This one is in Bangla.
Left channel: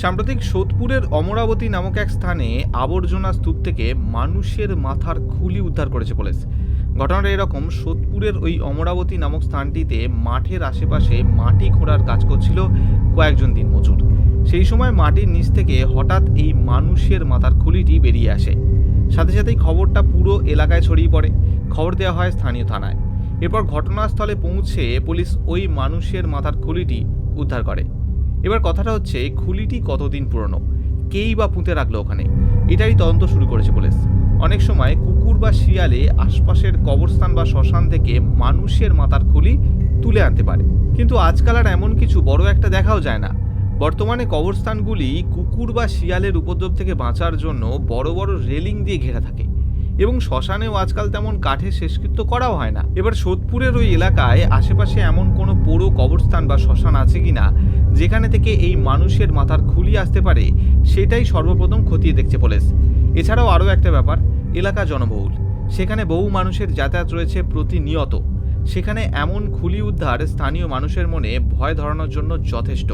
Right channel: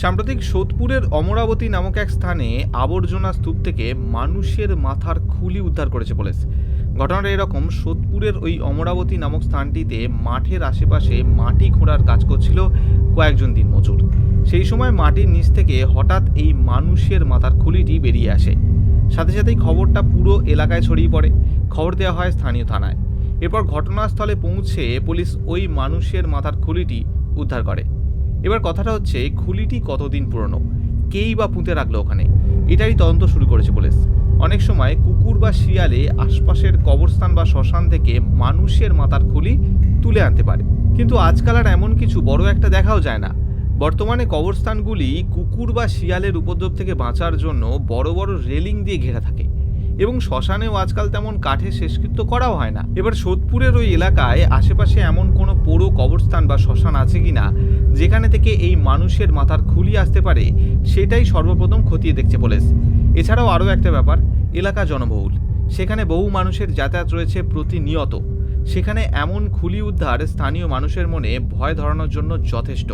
সাম্প্রতিক সোদপুরের অমরাবতী নামক এক স্থানে আবর্জনা স্তূপ থেকে মানুষের মাথার খুলি উদ্ধার করেছে পুলিশ। ঘটনাটা এরকম, সোদপুরের ওই অমরাবতী নামক স্থানটিতে মাঠের আশেপাশে মাটি খোঁড়ার কাজ করছিল কয়েকজন দিনমজুর। সেই সময় মাটির নিচ থেকে হঠাৎ এই মানুষের মাথার খুলিটি বেরিয়ে আসে। সাথে সাথেই খবরটা পুরো এলাকায় ছড়িয়ে পড়ে। খবর দেওয়া হয় স্থানীয় থানায়। এরপর ঘটনাস্থলে পৌঁছে পুলিশ ওই মানুষের মাথার খুলিটি উদ্ধার করে। এবার কথাটা হচ্ছে খুলিটি কতদিন পুরনো? কেই বা পুঁতে রাখল ওখানে? এটাই তদন্ত শুরু করেছে পুলিশ। অনেক সময় কুকুর বা শিয়ালে আশপাশের কবরস্থান বা শ্মশান থেকে মানুষের মাথার খুলি তুলে আনতে পারে। কিন্তু আজকাল আর এমন কিছু বড় একটা দেখাও যায় না। বর্তমানে কবরস্থানগুলি কুকুর বা শিয়ালের উপদ্রব থেকে বাঁচার জন্য বড় বড় রেলিং দিয়ে ঘেরা থাকে। এবং শ্মশানেও আজকাল তেমন কাঠের শেষকৃত্য করাও হয় না। এবার সোদপুরের ওই এলাকায় আশেপাশে এমন কোনো পোড়ো কবরস্থান বা শ্মশান আছে কিনা যেখানে থেকে এই মানুষের মাথার খুলি আসতে পারে, সেটাই সর্বপ্রথম খতিয়ে দেখছে পুলিশ। এছাড়াও আরও একটা ব্যাপার, এলাকা জনবহুল। সেখানে বহু মানুষের যাতায়াত রয়েছে প্রতিনিয়ত। সেখানে এমন খুলি উদ্ধার স্থানীয় মানুষের মনে ভয় ধরানোর জন্য যথেষ্ট।